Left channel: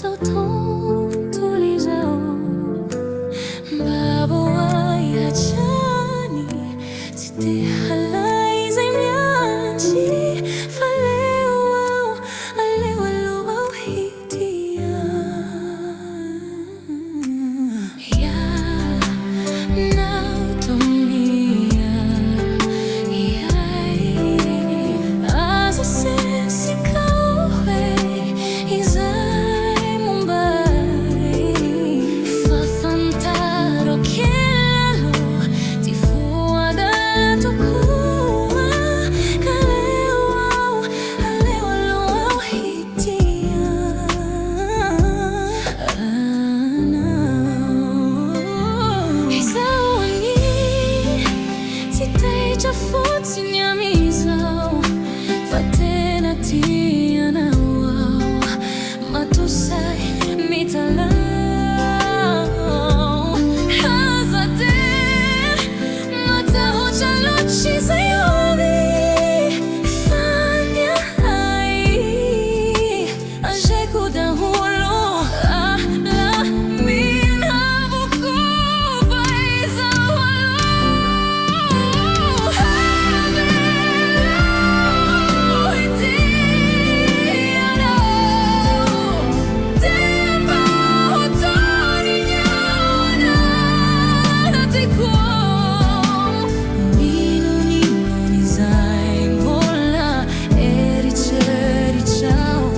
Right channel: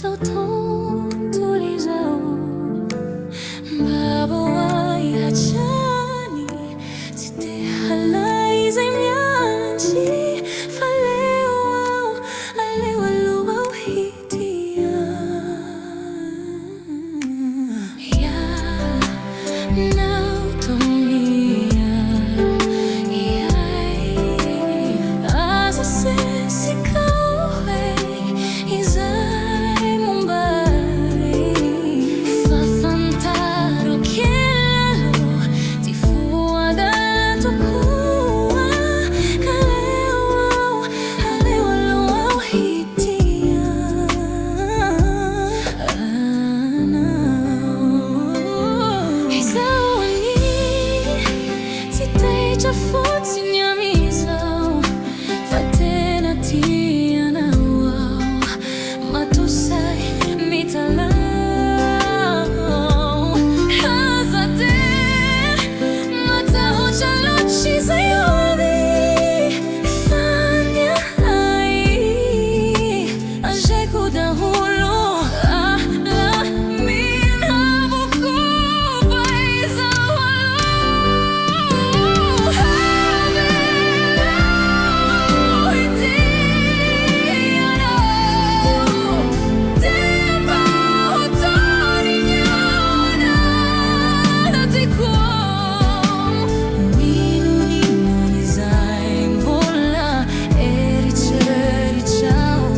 sau ton tulizao Babaoay hajany tsy de halay zay miantsy fa aleo aloha aho hitia Ianao tumia Aza sesy ikaw izay Mumbai Fafantaro kilalo ty foada tokoa ka aleo aloha aho hitia Izao ani tsy taitra fotsiny amizao fa tena tianao aho matosay mitalao Aza de matahotra loatry zay hoany faniahay azaiko daholo minavoko fa izao aloha Avelao itianao Di mba hotorinyaona ko Nino izay mbola eritreritrao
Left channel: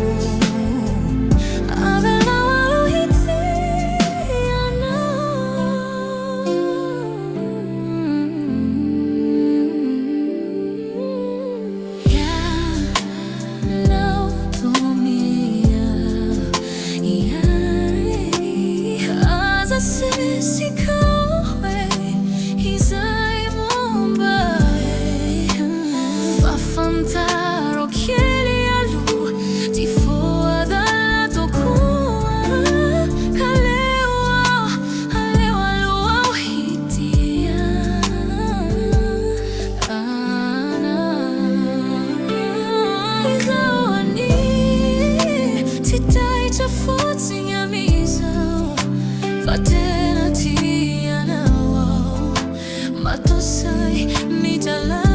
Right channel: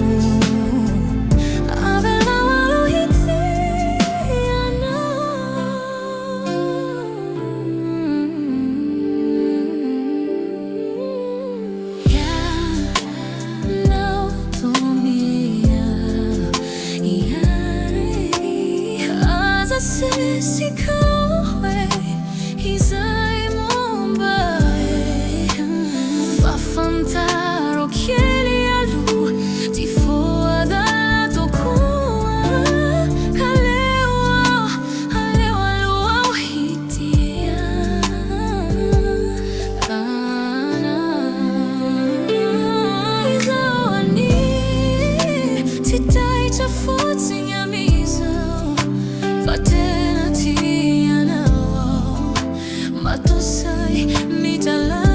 Avelao aloha itianao Ianao tumia Aza sesy ikaw izay Mumbai Fafantaro kely aloha ty foada tokoa ka aleo aloha aho hitia Izao ani tsy taitra fotsiny amizao fa tena tianao aho matosay mitalao